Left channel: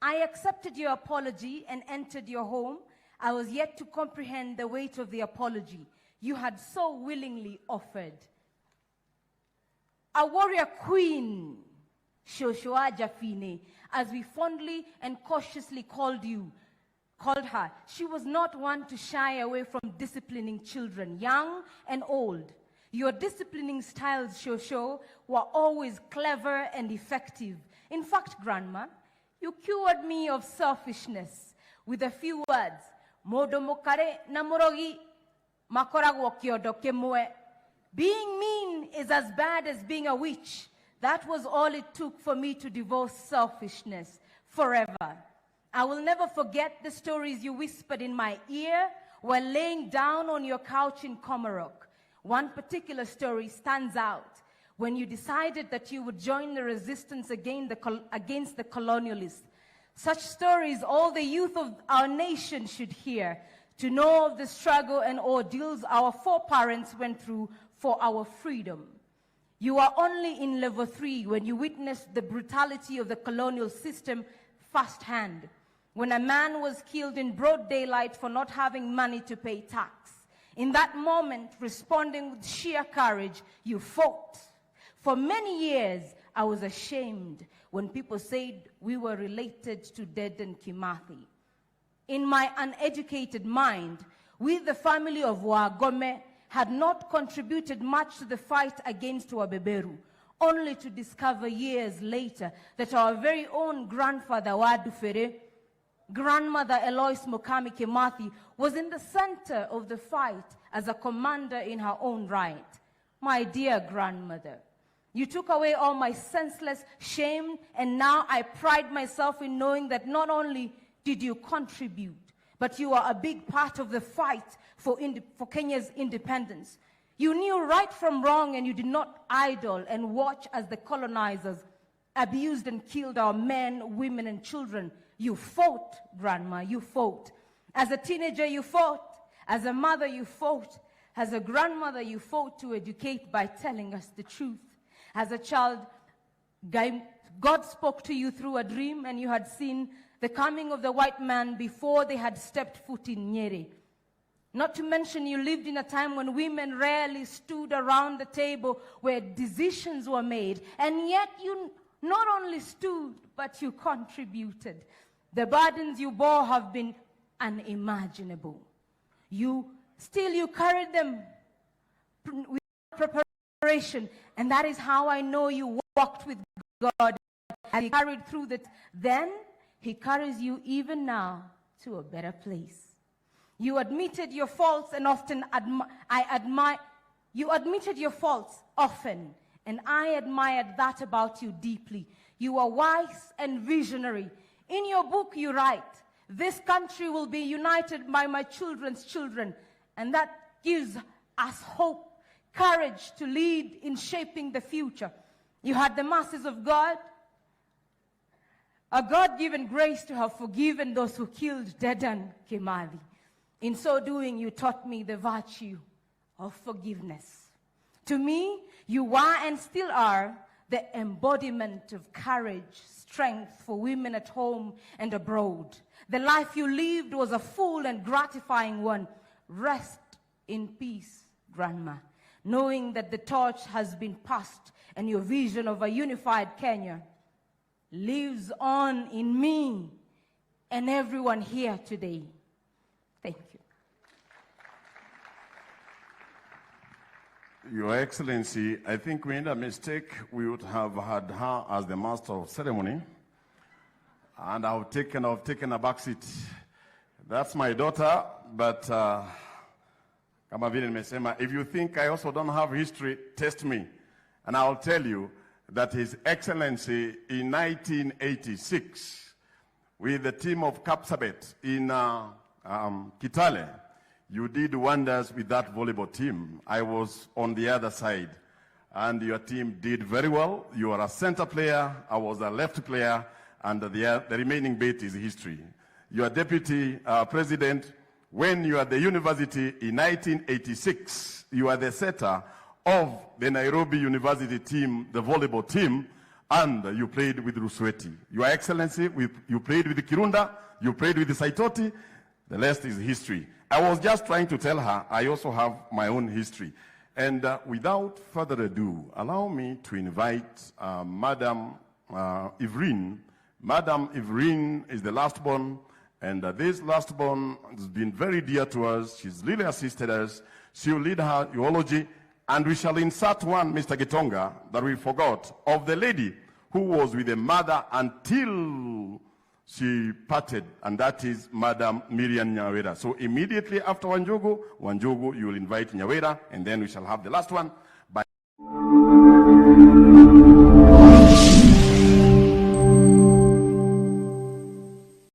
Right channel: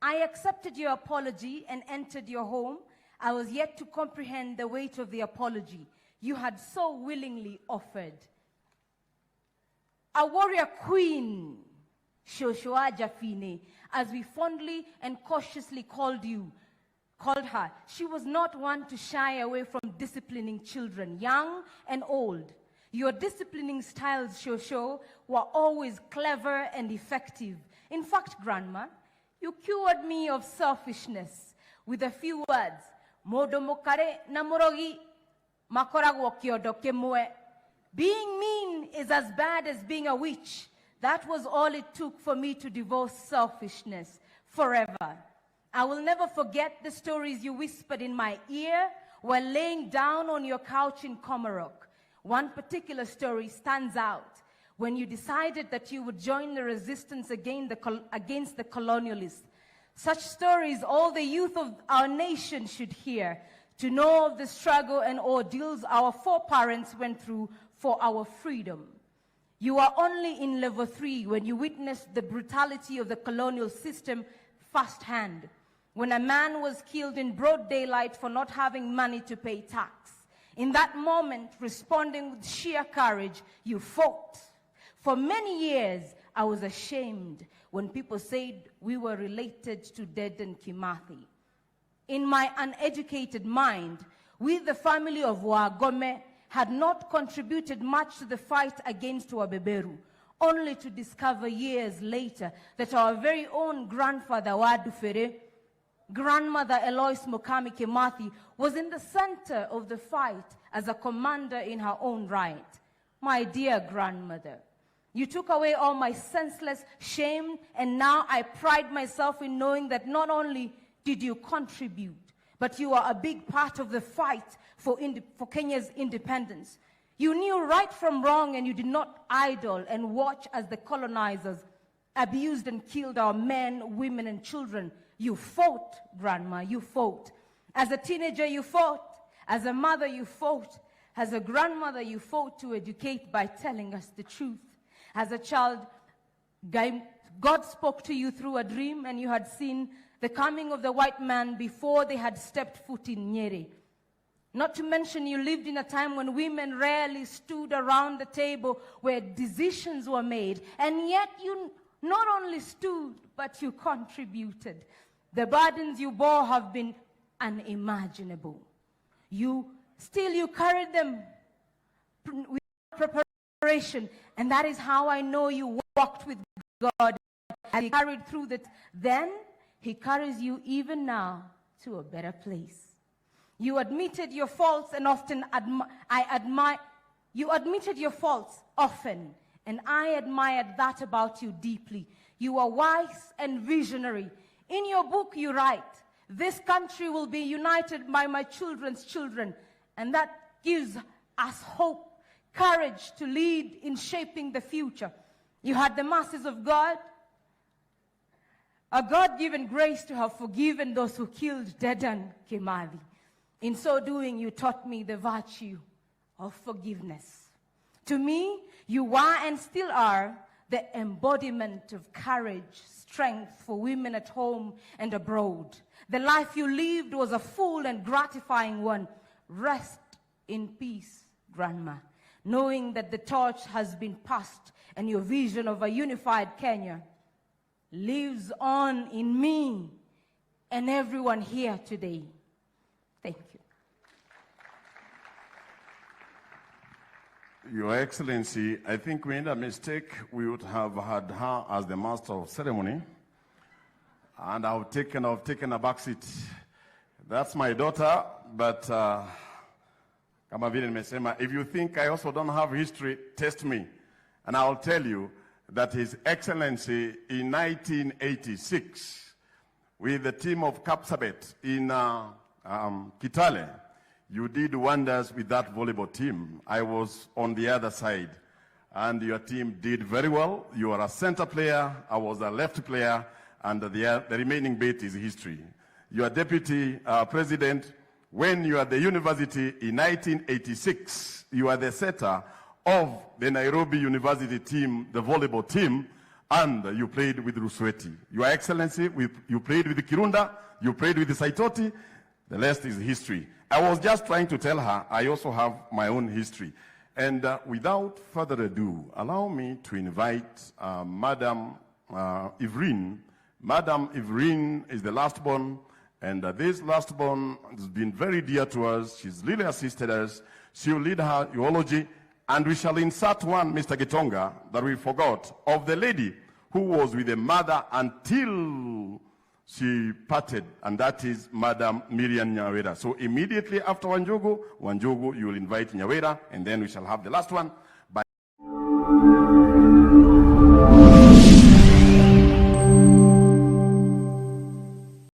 I accepted your apology and entered your home. I was yet to comprehend the weight of the apology you had so willingly offered. A warrior queen, Shoshua Jafine, as we fondly and cautiously called her. She was not one to shy away from disciplining children, young and old. Your disciplining styles, Shosho, were always clever and effective. In fact, Grandma, you cured me of selfishness with a few words. Modo mokare na morogi, makoragwo kyodo kemue. Being mean is as bad as being a witch. That was all it took for me to divorce selfishness forever. I will never forget the stories you whispered in my ear when laying down on your couch in Komarok. One particular story stands out when you decided that you would join the resistance against the colonialists. Such stories all the youth of our nation should hear, to know of the struggle and ordeals our foreparents went through for our freedom. You were only in level 3 when you witnessed the brutality of the colonial system firsthand, when a man was killed in broad daylight for not having money to pay tax. In that moment, responding with sheer courage, you fought. For many years, I was ashamed when people said we were related to Dedan Kimathi. In my uneducated mind, we, the family of Wagome, had not contributed much to the fight against Wabeberu, only to discover years later that our very own grandfather Wadufere, grandmother Eloise Mokami Kimathi, was in the center of the fight as a commander in her own right. My dear grandmother, you took away all my senseless shame, and now I pride myself in knowing that not only did you contribute, but you are a big part of the fight for Kenya's independence. You knew right from wrong, and you did not idle and watch as the colonizers abused and killed our men, women, and children. You fought, Grandma, you fought. As a teenager, you fought. As a mother, you fought. As a grandmother, you fought to educate by telling us the truth. As a child, God spoke to you through a dream, and you had seen the coming of the white man before they had stepped foot in Nyeri. Not to mention, you lived in a time when women rarely stood around the table where decisions were made, and yet you not only stood, but you contributed. The burdens you bore have been unimaginable. You carried them with preparation, and that is how I know you walked with God. He carried through that then. He carries you even now to a better place. You admitted your faults and often you admitted your faults often, and I admired that about you deeply. You are wise and visionary. In your book you write, this country will be united by my children's children, and that gives us hope, courage to lead in shaping the future. You had the mercies of God, a God-given grace to have forgiven those who killed Dedan Kimathi. In so doing, you taught me the virtue of forgiveness. To me, you were and still are the embodiment of courage, strength for women at home and abroad. The life you lived was a full and gratifying one. Rest in peace, Grandma, knowing that the torch has been passed and your vision of a unified Kenya lives on in me and everyone here today. Thank you. Your Excellency, I think we made a mistake. We would have had her as the master of ceremony, and I've taken a back seat. That's my daughter, but kama vile nimesema, if you think I also don't have history, test me, and I'll tell you that His Excellency in 1986, with the team of Kapsabet in Kitale, you did wonders with that volleyball team. I was on the other side, and your team did very well. You were a center player, I was a left player, and the remaining bit is history. Your deputy president, when you were at the university in 1986, you were the setter of the Nairobi University team, the volleyball team, and you played with Rusweti. Your Excellency, you played with Kirunda, you played with Saitoti. The rest is history. I was just trying to tell her I also have my own history. And without further ado, allow me to invite Madam Evelyn. Madam Evelyn is the last born, and this last born has been very dear to us. She's really assisted us. She'll lead her eulogy, and we shall insert one, Mr. Gitonga, that we forgot, of the lady who was with the mother until she parted, and that is Madam Miriam Nyawera. So immediately after Wanjugu, you will invite Nyawera, and then we shall have the last one.